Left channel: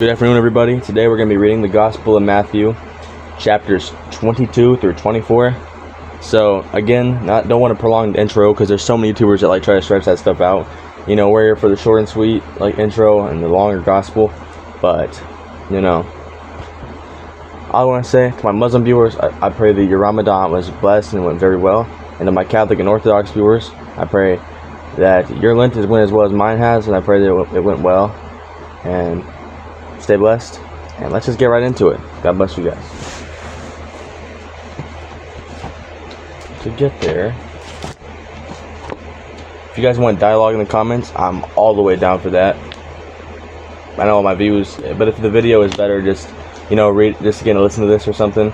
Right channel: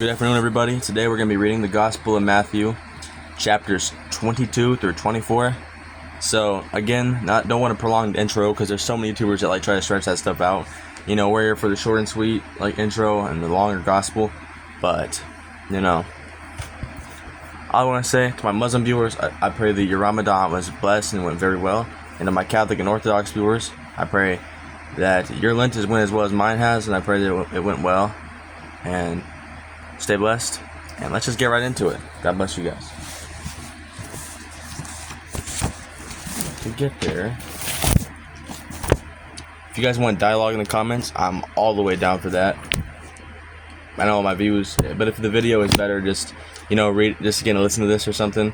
Good afternoon, everybody. Today we're going to be reading the Gospel of Matthew, chapters 22 through 24. So, again, don't want to prolong the intro because there's so many YouTubers that try to stretch that stuff out. You know, we're here for the short and sweet intro and the longer gospel. But, all I want to say to my Muslim viewers, I pray that your Ramadan was blessed and went very well. And to my Catholic and Orthodox viewers, I pray that your Lent has went as well as mine has, and I pray that it went well. And stay blessed, and let's just get right into it. God bless you guys. To get there, if you guys want dialogue in the comments, I'm all the way down for that. I know my views, but if the video is better, just listen to this or something.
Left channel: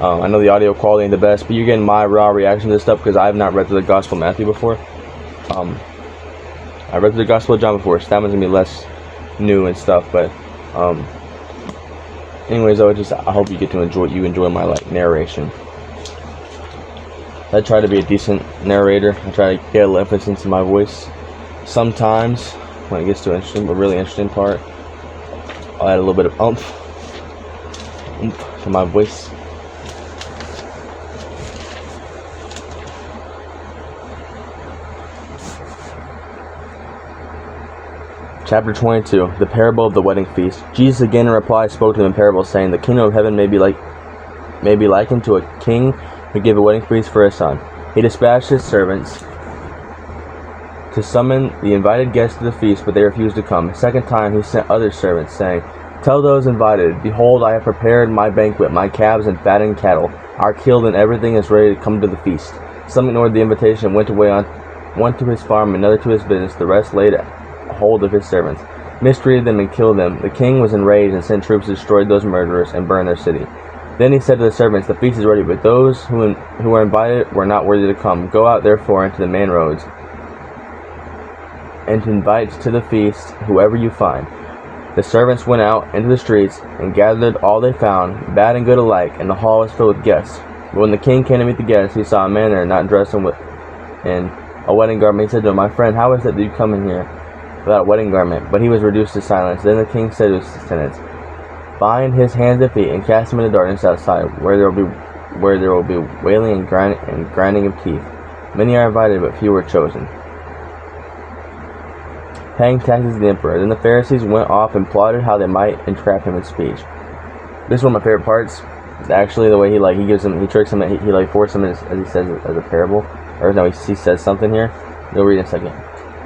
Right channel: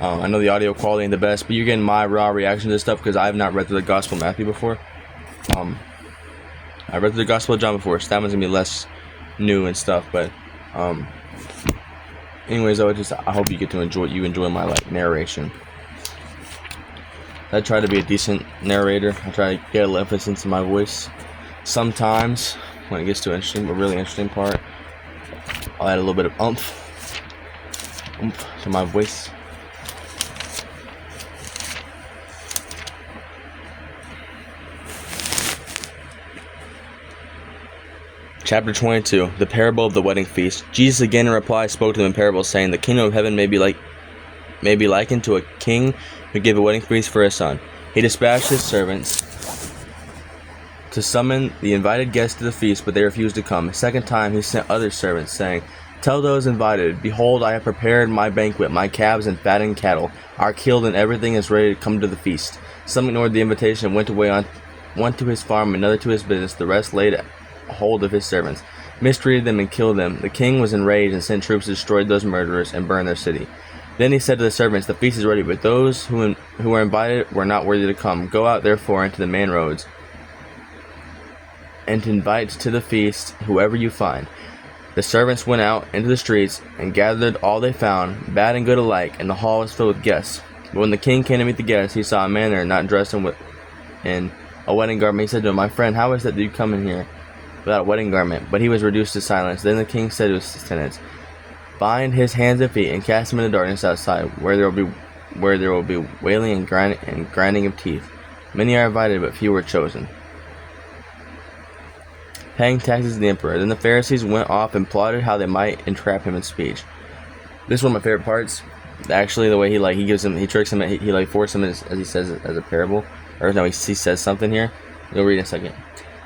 I know the audio quality ain't the best, but you're getting my raw reaction to this stuff because I have not read through the Gospel of Matthew before. I read through the Gospel of John before, so that one's gonna be less new and stuff, but anyways, I hope you get to enjoy my narration. I try to be a decent narrator. I try to get a little emphasis in my voice. Sometimes when it gets to a really interesting part, I'll add a little bit of oomph to my voice. Chapter 22, the parable of the wedding feast. Jesus again in reply spoke to them in parables, saying, "The kingdom of heaven may be likened to a king who gave a wedding feast for his son. He dispatched his servants to summon the invited guests to the feast, but they refused to come. A second time he sent other servants, saying, 'Tell those invited, behold, I have prepared my banquet. My calves and fattened cattle are killed, and everything is ready to come to the feast.' Some ignored the invitation and went away, one to his farm, another to his business. The rest laid hold of his servants, mistreated them, and killed them. The king was enraged and sent troops to destroy those murderers and burn their city. Then he said to the servants, 'The feast is ready, but those who were invited were not worthy to come. Go out therefore into the main roads and invite to the feast whoever you find.' The servants went out into the streets and gathered all they found, bad and good alike, and the hall was filled with guests. But when the king came to meet the guests, he saw a man there not dressed in a wedding garment. He said to him, 'My friend, how is it that you come in here without a wedding garment?' But he was reduced to silence. Then the king said to his attendants, 'Bind his hands and feet and cast him into darkness outside, where there will be wailing and grinding of teeth. Many are invited, but few are chosen.' Paying taxes to the emperor. Then the Pharisees went off and plotted how they might entrap him in speech." This is one of my favorite parts. Actually, the way he tricks him, he forces him as he says as a parable, or no, he says something here. You'll read in a second.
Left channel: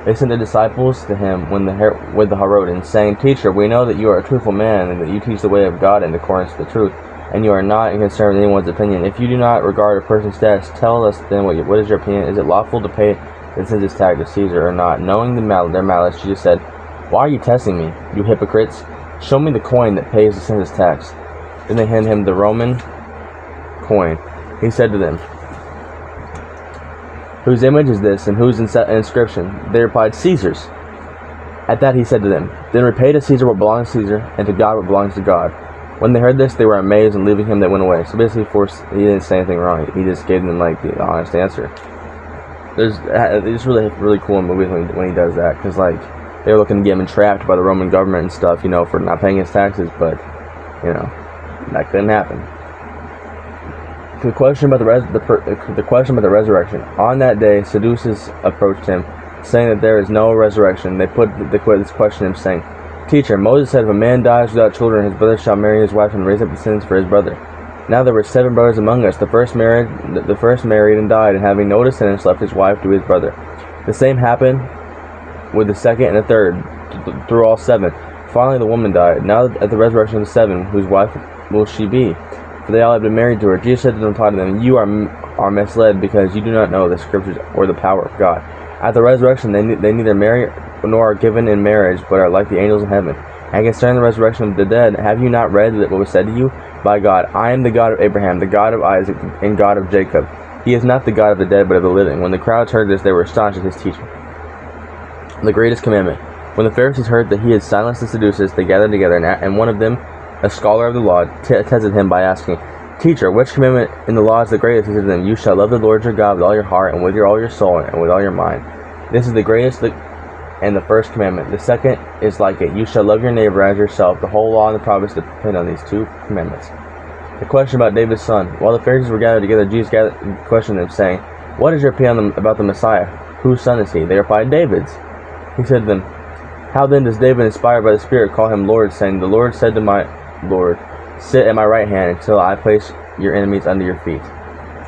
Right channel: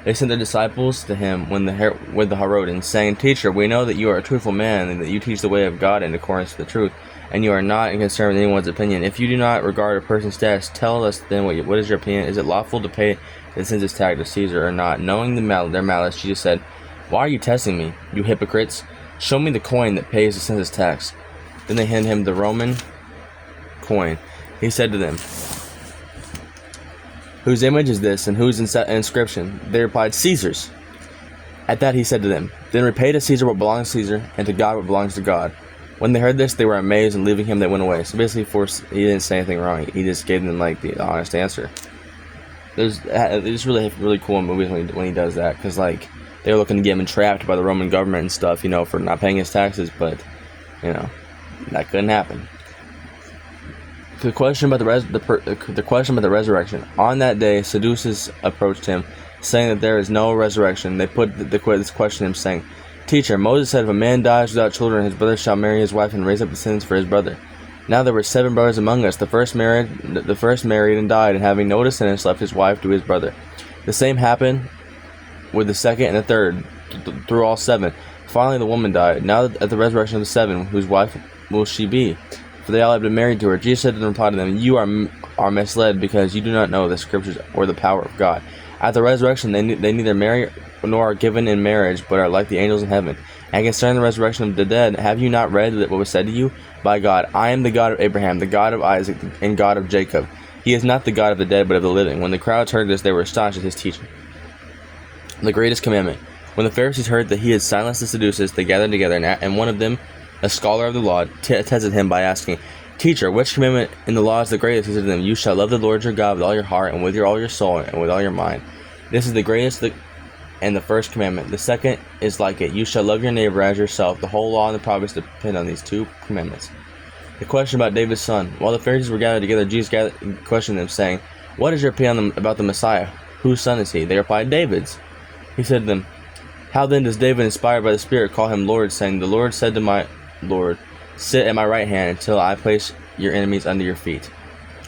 They sent their disciples to him with the Herodians, saying, "Teacher, we know that you are a truthful man, and that you teach the way of God in accordance to the truth, and you are not concerned with anyone's opinion. If you do not regard a person's status, tell us then what is your opinion? Is it lawful to pay the census tax to Caesar or not?" Knowing their malice, Jesus said, "Why are you testing me, you hypocrites? Show me the coin that pays the census tax." Then they handed him the Roman coin. He said to them, "Whose image is this, and whose inscription?" They replied, "Caesar's." At that he said to them, "Then repay to Caesar what belongs to Caesar, and to God what belongs to God." When they heard this, they were amazed, and leaving him, they went away. So basically, he didn't say anything wrong. He just gave them the honest answer. It's really cool in movies when he does that, because they're looking to get him entrapped by the Roman government and stuff, for not paying his taxes, but that couldn't happen. The question about the resurrection. On that day, Sadducees approached him, saying that there is no resurrection. They put this question to him, saying, "Teacher, Moses said if a man dies without children, his brother shall marry his wife and raise up descendants for his brother. Now there were 7 brothers among us. The first married and died, and having no descendants, left his wife to his brother. The same happened with the second and the third, through all 7. Finally the woman died. Now at the resurrection of the 7, whose wife will she be? For they all have been married to her." Jesus said to them, replied to them, "You are misled, because you do not know the scriptures or the power of God. At the resurrection they neither marry nor are given in marriage, but are like the angels in heaven. And concerning the resurrection of the dead, have you not read that what was said to you by God, 'I am the God of Abraham, the God of Isaac, and God of Jacob'? He is not the God of the dead, but of the living." When the crowds heard this, they were astonished at his teaching. The greatest commandment. When the Pharisees heard that he had silenced the Sadducees, they gathered together, and one of them, a scholar of the law, tested him by asking, "Teacher, which commandment in the law is the greatest?" He said to them, "You shall love the Lord your God with all your heart, and with all your soul, and with all your mind. This is the greatest, and the first commandment. The second is like it. You shall love your neighbor as yourself. The whole law and the prophets depend on these two commandments. The question about David's son. While the Pharisees were gathered together, Jesus questioned them, saying, What is your opinion about the Messiah? Whose son is he? They replied, David's. He said to them, How then does David, inspired by the Spirit, call him Lord, saying, The Lord said to my Lord, Sit at my right hand until I place your enemies under your feet.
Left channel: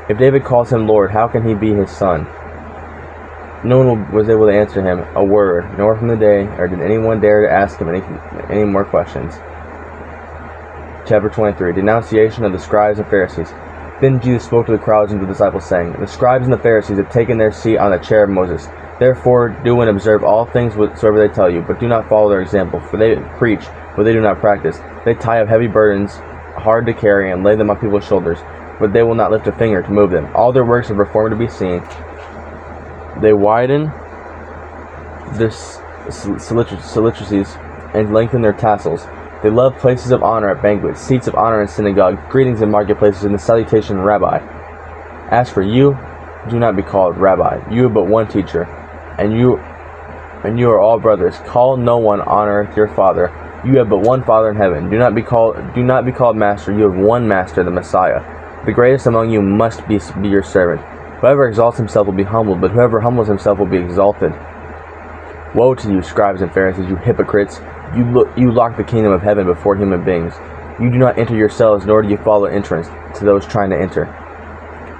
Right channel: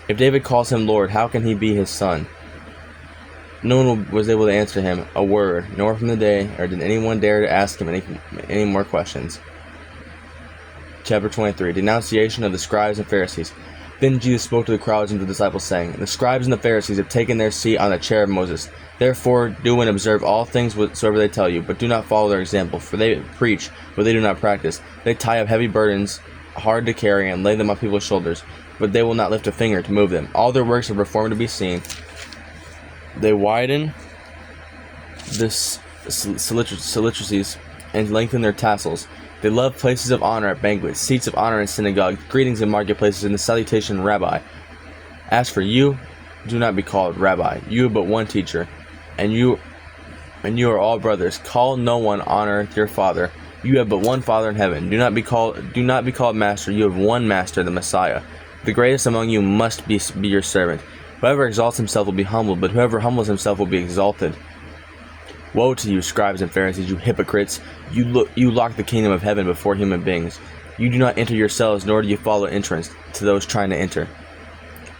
If David calls him Lord, how can he be his son? No one was able to answer him a word, nor from the day, or did anyone dare to ask him any more questions. Chapter 23. Denunciation of the Scribes and Pharisees. Then Jesus spoke to the crowds and to the disciples, saying, The scribes and the Pharisees have taken their seat on the chair of Moses. Therefore do and observe all things whatsoever they tell you, but do not follow their example, for they preach what they do not practice. They tie up heavy burdens, hard to carry, and lay them on people's shoulders, but they will not lift a finger to move them. All their works are performed to be seen. They widen the cilices and lengthen their tassels. They love places of honor at banquets, seats of honor in synagogues, greetings in marketplaces, and the salutation, Rabbi. As for you, do not be called Rabbi. You have but one teacher, and you are all brothers. Call no one on earth your father. You have but one Father in heaven. Do not be called master. You have one master, the Messiah. The greatest among you must be your servant. Whoever exalts himself will be humbled, but whoever humbles himself will be exalted. Woe to you, scribes and Pharisees, you hypocrites! You lock the kingdom of heaven before human beings. You do not enter yourselves, nor do you follow entrance to those trying to enter.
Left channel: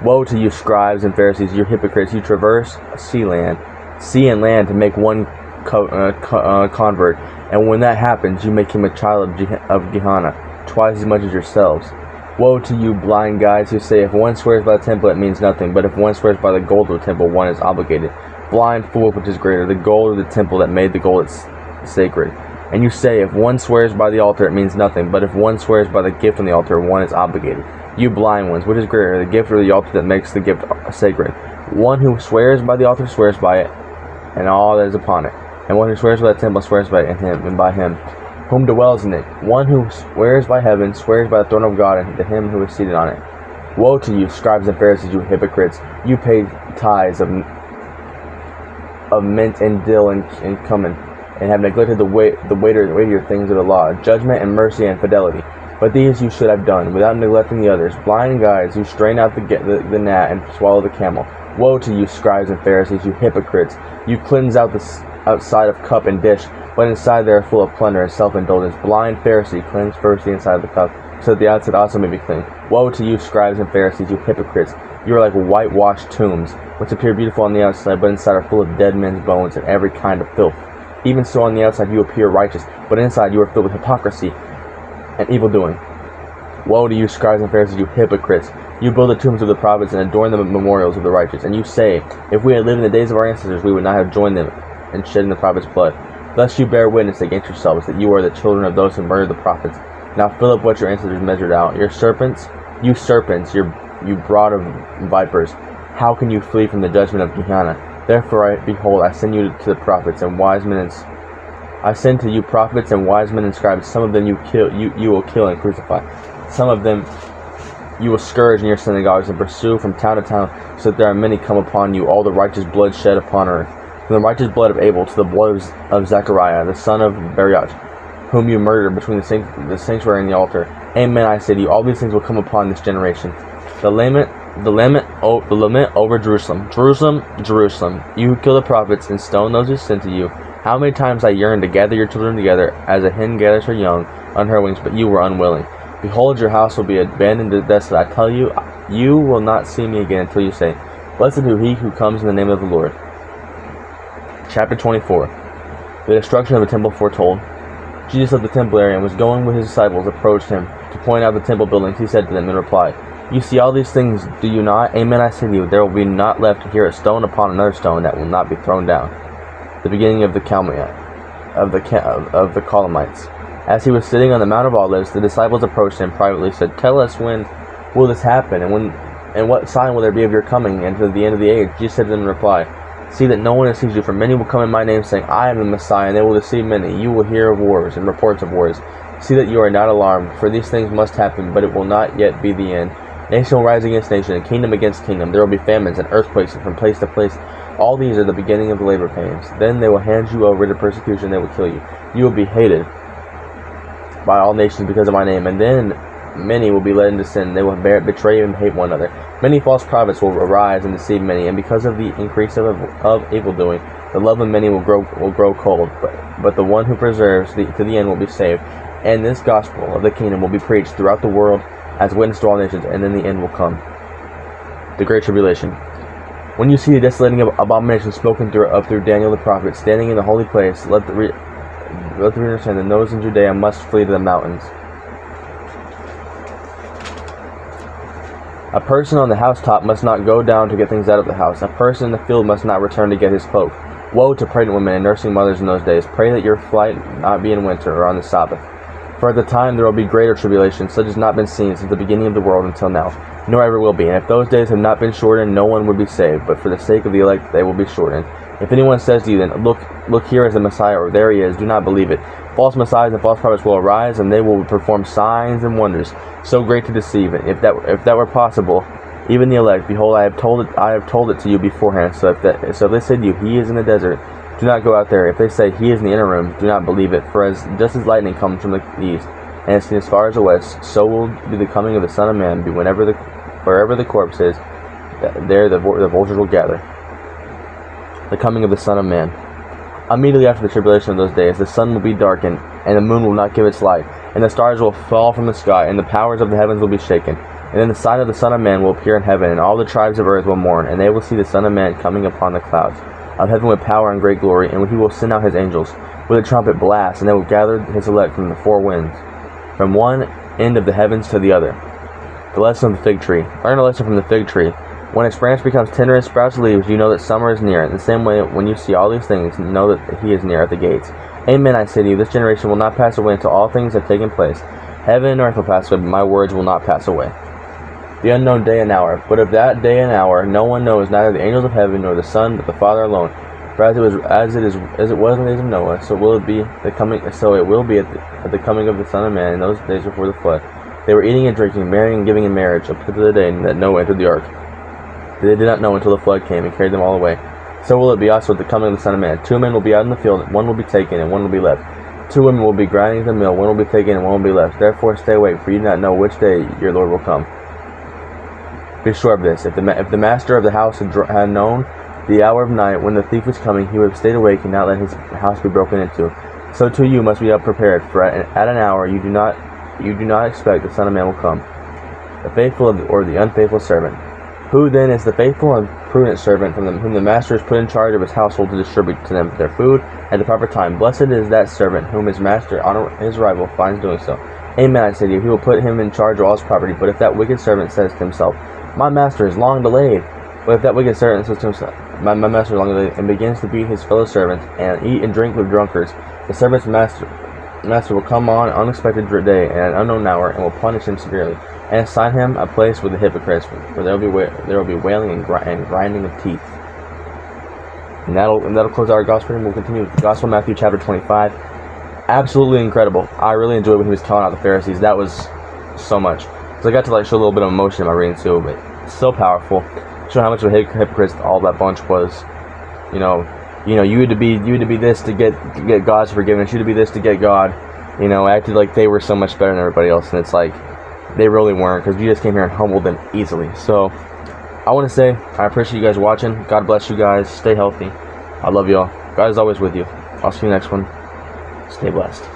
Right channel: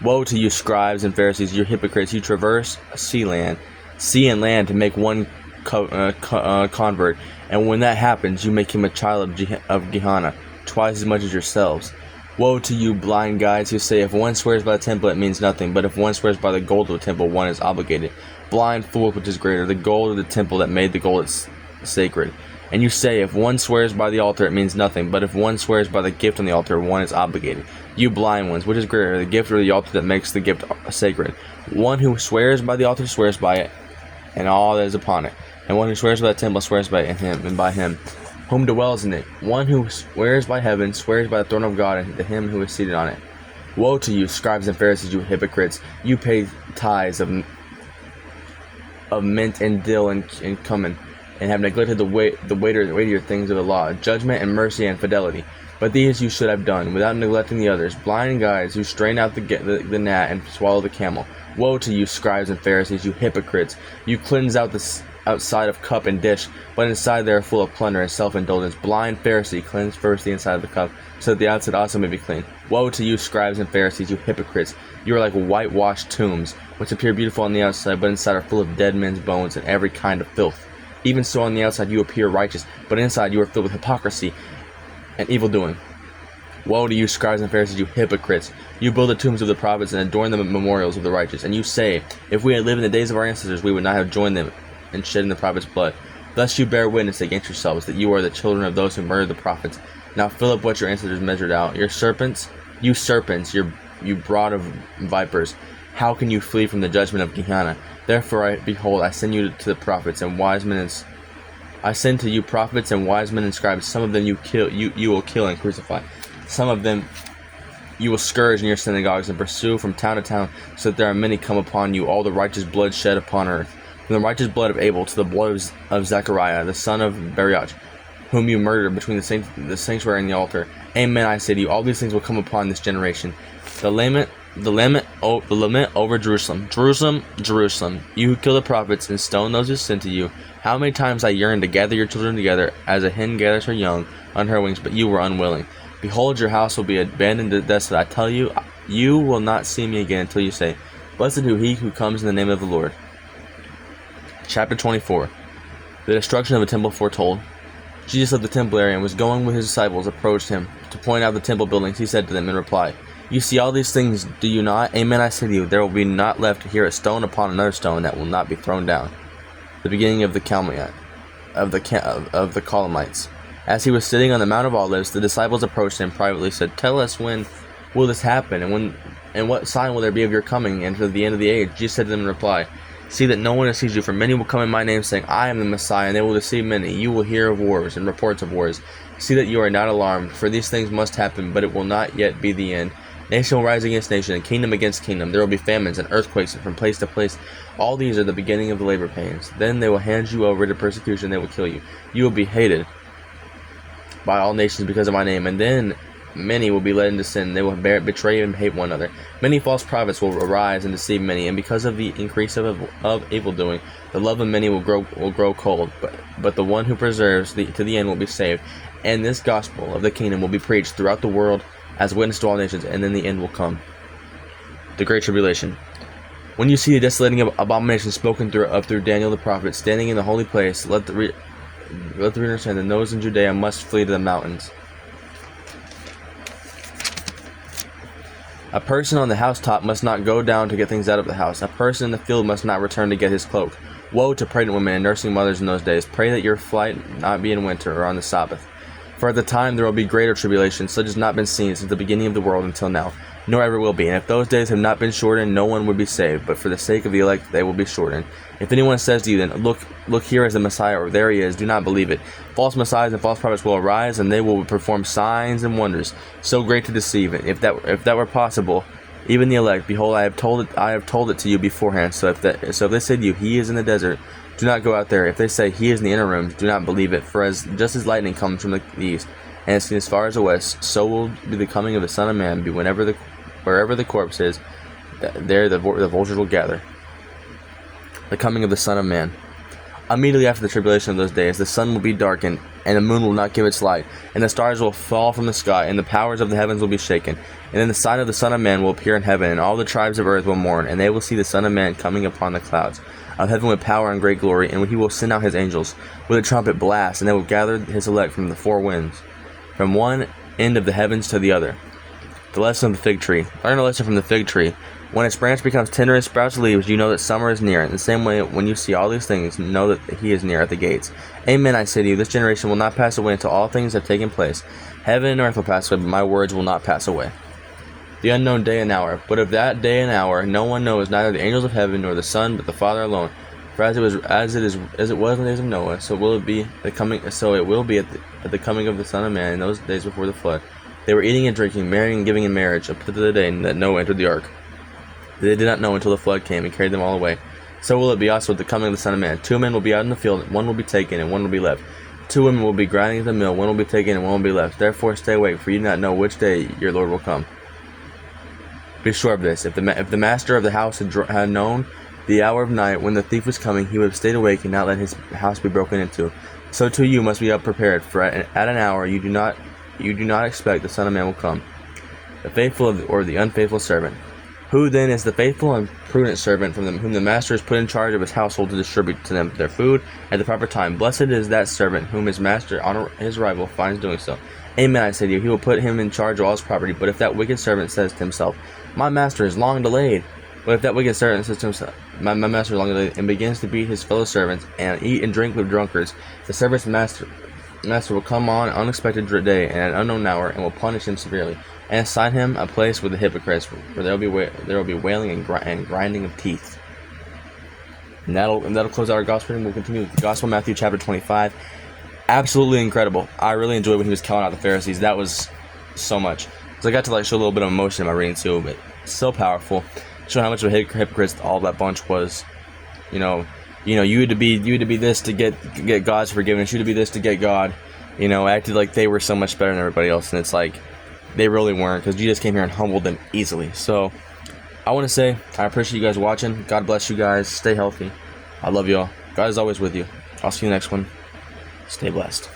Woe to you, scribes and Pharisees, you hypocrites! You traverse sea and land to make one convert, and when that happens, you make him a child of Gehenna, twice as much as yourselves. Woe to you, blind guides, who say, if one swears by the temple, it means nothing, but if one swears by the gold of the temple, one is obligated. Blind fool, which is greater, the gold of the temple that made the gold is sacred? And you say, if one swears by the altar, it means nothing, but if one swears by the gift on the altar, one is obligated. You blind ones, which is greater, the gift or the altar that makes the gift sacred? One who swears by the altar swears by it, and all that is upon it. And one who swears by the temple swears by it and by him whom dwells in it. One who swears by heaven swears by the throne of God and to him who is seated on it. Woe to you, scribes and Pharisees, you hypocrites! You pay tithes of mint and dill and cumin, and have neglected the weightier things of the law, judgment and mercy and fidelity. But these you should have done, without neglecting the others. Blind guides who strain out the gnat and swallow the camel. Woe to you, scribes and Pharisees, you hypocrites! You cleanse out the outside of cup and dish, but inside they are full of plunder and self-indulgence. Blind Pharisee, cleanse first the inside of the cup, so that the outside also may be clean. Woe to you, scribes and Pharisees, you hypocrites! You are like whitewashed tombs, which appear beautiful on the outside, but inside are full of dead men's bones and every kind of filth. Even so on the outside you appear righteous, but inside you are filled with hypocrisy and evil doing. Woe to you, scribes and Pharisees, you hypocrites! You build the tombs of the prophets and adorn the memorials of the righteous, and you say, if we had lived in the days of our ancestors, we would not have joined them in shedding the prophets' blood. Thus you bear witness against yourselves that you are the children of those who murdered the prophets. Now fill up what your ancestors measured out. You serpents, you brood of vipers, how can you flee from the judgment of Gehenna? Therefore, behold, I send you to the prophets and wise men. I send to you prophets and wise men and scribes. Some of them you will kill and crucify. Some of them you will scourge in your synagogues and pursue from town to town, so that there are many come upon you, all the righteous blood shed upon earth. From the righteous blood of Abel to the blood of Zechariah, the son of Berechiah, whom you murdered between the sanctuary and the altar. Amen, I say to you, all these things will come upon this generation. The lament over Jerusalem. Jerusalem, Jerusalem, you who kill the prophets and stone those who sent to you. How many times I yearned to gather your children together, as a hen gathers her young on her wings, but you were unwilling. Behold, your house will be abandoned and desolate. I tell you, you will not see me again until you say, Blessed be he who comes in the name of the Lord. Chapter 24. The destruction of the temple foretold. Jesus left the temple area and was going with his disciples, approached him to point out the temple buildings. He said to them in reply, You see all these things, do you not? Amen, I say to you, there will be not left here a stone upon another stone that will not be thrown down. The beginning of the Colamites. As he was sitting on the Mount of Olives, the disciples approached him privately, said, Tell us, when will this happen, and what sign will there be of your coming and to the end of the age? Jesus said to them in reply, See that no one deceives you, for many will come in my name, saying, I am the Messiah, and they will deceive many. You will hear of wars and reports of wars. See that you are not alarmed, for these things must happen, but it will not yet be the end. Nation will rise against nation, and kingdom against kingdom. There will be famines and earthquakes from place to place. All these are the beginning of the labor pains. Then they will hand you over to persecution, they will kill you. You will be hated by all nations because of my name, and then many will be led into sin. They will betray and hate one another. Many false prophets will arise and deceive many, and because of the increase of evil doing, the love of many will grow cold. But the one who perseveres to the end will be saved. And this gospel of the kingdom will be preached throughout the world as witness to all nations, and then the end will come. The Great Tribulation. When you see the desolating abomination spoken through Daniel the prophet standing in the holy place, let the reader understand that those in Judea must flee to the mountains. A person on the housetop must not go down to get things out of the house. A person in the field must not return to get his cloak. Woe to pregnant women and nursing mothers in those days. Pray that your flight not be in winter or on the Sabbath. For at the time there will be greater tribulation, such as not been seen since the beginning of the world until now, nor ever will be. And if those days have not been shortened, no one would be saved. But for the sake of the elect, they will be shortened. If anyone says to you, then, look here is the Messiah, or there he is, do not believe it. False messiahs and false prophets will arise, and they will perform signs and wonders, so great to deceive. If that were possible, even the elect, behold, I have told it to you beforehand. So if they say to you, he is in the desert, do not go out there. If they say he is in the inner rooms, do not believe it. For just as lightning comes from the east and is seen as far as the west, so will be the coming of the Son of Man. Be wherever the corpse is, there the vultures will gather. The coming of the Son of Man. Immediately after the tribulation of those days, the sun will be darkened, and the moon will not give its light, and the stars will fall from the sky, and the powers of the heavens will be shaken. And then the sign of the Son of Man will appear in heaven, and all the tribes of earth will mourn, and they will see the Son of Man coming upon the clouds of heaven with power and great glory. And he will send out his angels with a trumpet blast, and they will gather his elect from the four winds, from one end of the heavens to the other. The lesson of the fig tree. Learn a lesson from the fig tree. When its branch becomes tender and sprouts leaves, you know that summer is near. In the same way, when you see all these things, know that he is near at the gates. Amen, I say to you, this generation will not pass away until all things have taken place. Heaven and earth will pass away, but my words will not pass away. The unknown day and hour. But of that day and hour no one knows, neither the angels of heaven nor the Son, but the Father alone. For as it was in the days of Noah, so it will be at the coming of the Son of Man in those days before the flood. They were eating and drinking, marrying and giving in marriage, up to the day that Noah entered the ark. They did not know until the flood came and carried them all away. So will it be also at the coming of the Son of Man. 2 men will be out in the field, one will be taken and one will be left. 2 women will be grinding at the mill, one will be taken and one will be left. Therefore stay awake, for you do not know which day your Lord will come. Be sure of this, if the master of the house had known the hour of night when the thief was coming, he would have stayed awake and not let his house be broken into. So too you must be up prepared, for at an hour you do not expect the Son of Man will come. The faithful or the unfaithful servant. Who then is the faithful and prudent servant from whom the master is put in charge of his household to distribute to them their food at the proper time? Blessed is that servant whom his master on his arrival finds doing so. Amen, I say to you, he will put him in charge of all his property. But if that wicked servant says to himself, my master is long delayed, but if that wicked servant says to himself, my master is long delayed, and begins to beat his fellow servants and eat and drink with drunkards, the servant's master will come on an unexpected day and at an unknown hour, and will punish him severely, and assign him a place with the hypocrites, where there will be wailing and grinding of teeth. And that'll close out our gospel reading. We'll continue with the Gospel of Matthew chapter 25. Absolutely incredible. I really enjoyed when he was calling out the Pharisees. That was so much. So I got to show a little bit of emotion in my reading too, but it's so powerful. Showing how much of a hypocrites all that bunch was. You had to be this to get God's forgiveness. You had to be this to get God. Acted like they were so much better than everybody else, and it's like they really weren't, because Jesus came here and humbled them easily. So I want to say I appreciate you guys watching. God bless you guys. Stay healthy. I love y'all. God is always with you. I'll see you next one. Stay blessed.